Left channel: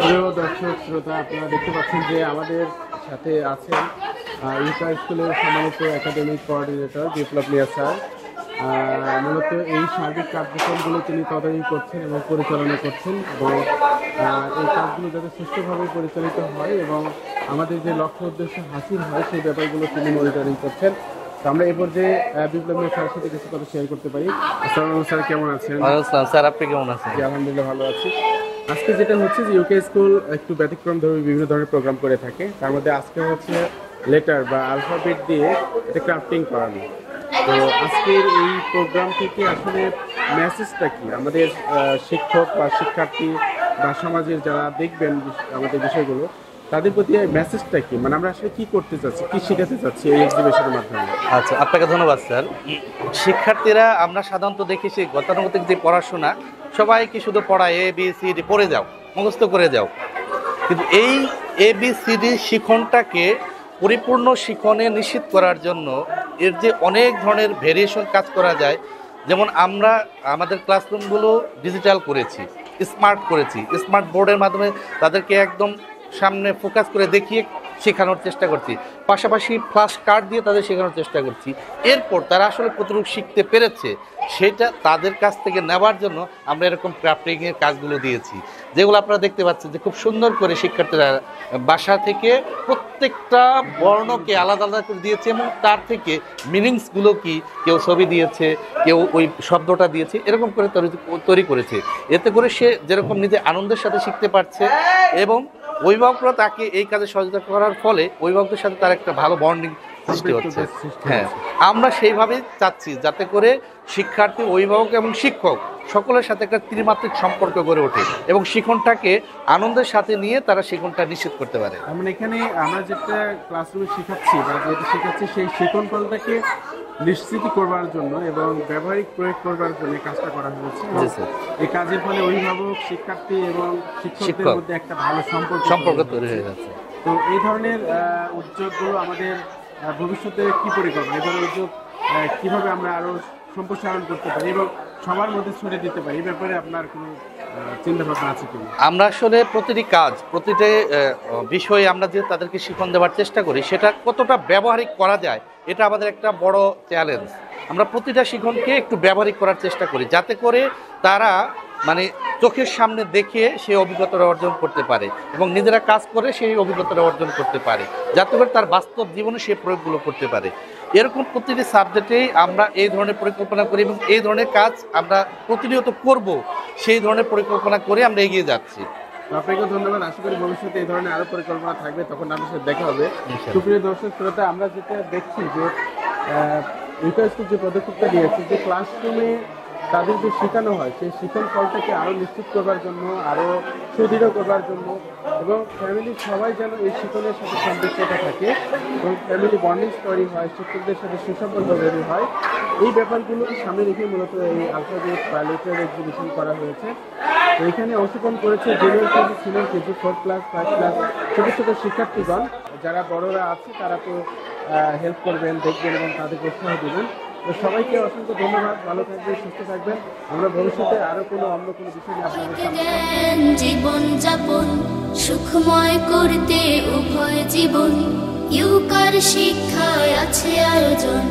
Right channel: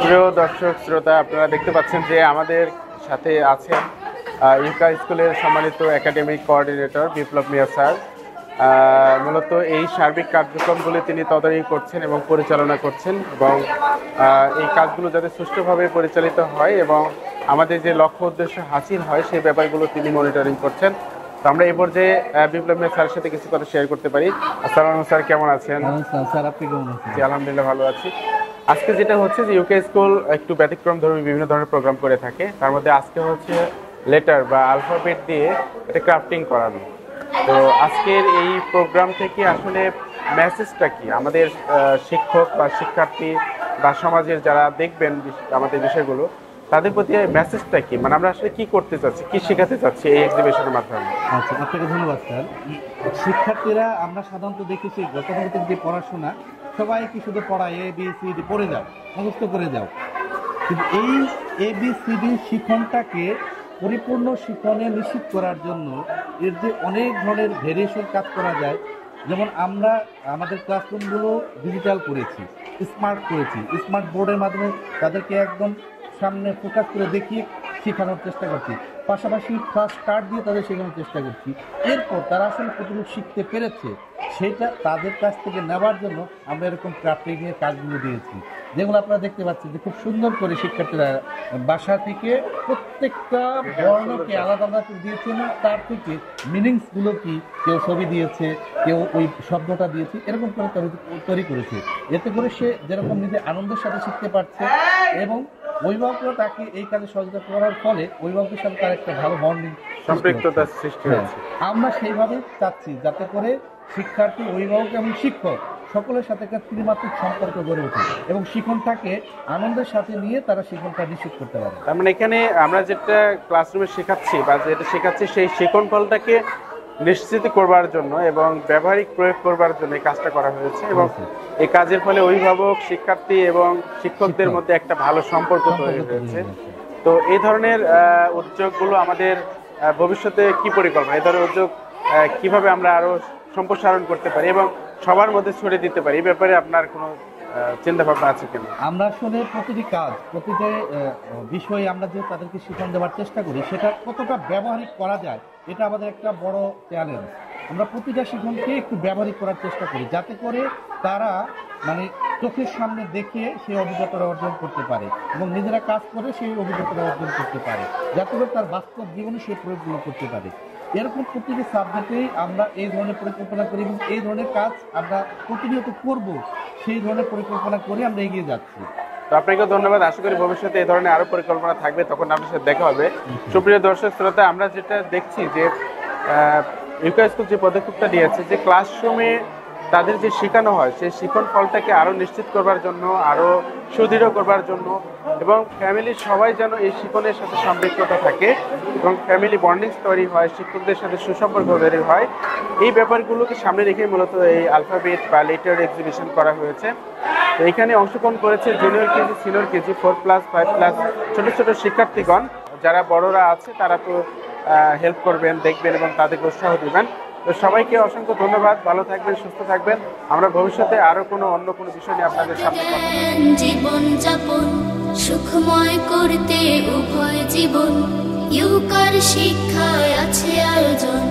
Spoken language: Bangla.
প্রিয় দর্শক শ্রোতা, আপনারা দেখতে পাচ্ছেন যে আমাদের সাথে আছেন ইউকা স্কুলের সম্মানিত একাডেমিক কোঅর্ডিনেটর বিপ্লব মিয়া স্যার। মূলত এই সার্বিক কার্যক্রমগুলো তিনি তদারকি করছেন এবং পরিচালনা করছেন, এবং এই কাজগুলো যাতে সুষ্ঠুভাবে পরিচালিত হয় এবং আমাদের যে লক্ষ্য উদ্দেশ্য হাসিল হয় সেই ব্যাপারগুলো তিনি মনিটরিং করছেন। তো আমরা এই পর্যায়ে বিপ্লব মিয়া স্যারের সাথে কিছু কথা শেয়ার করতে পারি। আসসালামু স্যার, কেমন আছেন? স্যার, আপনি কেমন আছেন? জি, আলহামদুলিল্লাহ ভালো আছি। আজকে যেটা হচ্ছে যে ইউকে স্কুল একটু ব্যতিক্রম ধর্মী বিভিন্ন ধরনের প্রোগ্রাম করে থাকে, তার মধ্যে আজকে হচ্ছে লেটার বা আলফাবেট দিয়ে এটা ক্রাফটিং করানো। তো আজকের এই প্রোগ্রাম থেকে আসলে মেসেজটা কি আমাদের শিক্ষক বা শিক্ষার্থী বা সমাজের যারা দেখবেন আমাদের বিষয়গুলো, তাদের প্রতি মেসেজটা কি, মানে আমরা আসলে কি করতে চাচ্ছি, কি শেখাতে চাচ্ছি এই এক্সিবিশনের মাধ্যমে? আচ্ছা, আপনাকে ধন্যবাদ স্যার। শিক্ষার্থীরা আমরা সাধারণত দেখেছি গতানুগতিক যে পড়াশোনা, সবাইকে শুধু পড়ায় ABCD পড়ে যাও, মুখস্থ করে যাও, কিন্তু এই ABCD শিখনটাকে পরিপূর্ণ শিখনে নিশ্চিত করার জন্য এর যে অনেক ধরনের ভেরিয়েশন কাজ করা যায়। যেমন আমরা আমাদের ক্লাসরুমগুলো ডিজিটাল করেছি, স্মার্ট করেছি, স্মার্ট বোর্ডের মাধ্যমে তাদেরকে একদম সামনে ফোকাস করে দেখিয়ে শেখানোর চেষ্টা করছি, পাশাপাশি ফ্ল্যাশ কার্ড দিয়ে তাদের শেখানোর চেষ্টা করছি। এরপর তারা আসলে কতটুকু শিখতে পেরেছে সেটা তাদের কাছ থেকে নেওয়ার জন্য আমরা এরকম ক্রাফটিংয়ের কাজগুলো দিয়েছি, যেগুলো আপনারা দেখতে পাচ্ছেন যে খুব সুন্দর করে শিক্ষার্থীরা বাসা থেকে প্রত্যেকটা বর্ণকে আলাদা আলাদা করে দিয়েছে এবং তার থেকে মিনিংসগুলো কি, কেউ ছবি দিয়েছে, কেউ ওই শব্দটা দিয়েছে, এরকম করে তৈরি করেছে। এতে করে সে যেরকম নিজে আনন্দের সাথে শিখতে পারছে এবং অভিভাবকরা তাকে এই কাজে সহযোগিতা করার ফলে অভিভাবকদের সাথে তার একটা ভালো বন্ডিং সৃষ্টি হচ্ছে। হ্যাঁ, আমরা সেইভাবে চাচ্ছি যাতে করে শিক্ষার্থী, অভিভাবক এবং শিক্ষক সকলের সাথে একটা ত্রিমাত্রিক সম্পর্ক গড়ে ওঠে এবং শিক্ষণটাকে আনন্দের সাথে নিয়ে তারা শিক্ষণটা নিশ্চিত করতে পারে। তার মানে এখানে আমরা যেটা ক্লাসরুমে শেখাচ্ছি বা যেটা শেখাচ্ছি সেই শিক্ষণ ফলটাকে নিশ্চিত করবার জন্য এবং ব্যবহারিক প্রয়োগ করবার জন্য এই কাজটা করা হয়েছে, এবং এই কাজের ফলে অভিভাবক, শিক্ষার্থী এবং শিক্ষকদের মধ্যে একটা ভালো সম্পর্ক তৈরি হয়ে যাচ্ছে। তো এই ধরনের উদ্যোগগুলো আমাদের ভবিষ্যতে কি পরিকল্পনা, এই ধরনের উদ্যোগ কিভাবে আমরা আরো সম্প্রসারণ করতে পারি এবং সবার মধ্যে ছড়িয়ে দিতে পারি, এই ব্যাপারে আপনার কোনো চিন্তা ভাবনা আছে কিনা? আমরা আসলে প্রতিটি কাজ, প্রতিটি বিষয়ে আমরা যে তাদেরকে শিক্ষণ দেওয়ার চেষ্টা করি সেটা কতটা ব্যবহারিক করা যায়, এটা আমাদের একটা বড় চ্যালেঞ্জ। আমরা প্রতিটা শিক্ষণকে একটু ব্যবহারিক করার চেষ্টা করি যাতে করে তারা মানে চোখের সামনে দেখে সেই অভিজ্ঞতাটা অর্জন করতে পারে এবং নিজেরা কাজ করে সেই অভিজ্ঞতাটা অর্জন করতে পারে, যাতে করে তার বাস্তব জীবনে সেই প্রয়োগগুলো করতে পারে। এরকম প্রতিটি সাবজেক্টেই আমরা এই ধরনের পরিকল্পনা করি এবং এই ধরনের কাজ আমরা প্রতিনিয়ত করব, সেই ধরনের পরিকল্পনা করে আমরা এগিয়ে যাচ্ছি। তো আপনাকে ধন্যবাদ। আশা করি ভবিষ্যতে এই ধরনের আরো পরিকল্পনা থাকবে, তখন আপনার সাথে দেখা হবে। সুপ্রিয় দর্শক শ্রোতা, আমরা যেটা দেখছি যে ইউকা স্কুল যে পদক্ষেপটা নিয়েছে, যে ক্লাসরুমে তাদের যে শেখানো হয় সেই শিক্ষণ ফলটাকে আরো নিশ্চিত করবার জন্য, আরো সুদৃঢ় করবার জন্য, এবং ফ্যামিলির সবাই যেন এই শিক্ষণের সাথে সম্পৃক্ততা থাকে এবং ফ্যামিলি বন্ডিং তৈরি হয়, শিক্ষকদের সাথে সুসম্পর্ক তৈরি হয়, এই ব্যাপারগুলোকে সামনে রেখে মূলত এই আলফাবেট বা লেটার এক্সিবিশন করা হয়েছে। তো এখানে অংশগ্রহণ করেছে জুনিয়র কেজি, সিনিয়র কেজি, 4+, 5+, ছোট ছোট শিক্ষার্থীগণ। যারা বড়রা আছে তারা তো হেল্প করবেন, দেখবেন এবং তাদেরকে উৎসাহ দেবেন। তো সবাইকে অসংখ্য ধন্যবাদ। ভালো থাকবেন, সুস্থ থাকবেন। আমরা ভবিষ্যতে আরো অন্য কোনো বিষয় নিয়ে আপনাদের সামনে জীবন যাপন সুখময় করতে উভয় জীবন ইউকার শিক্ষায় আছে আয়োজন।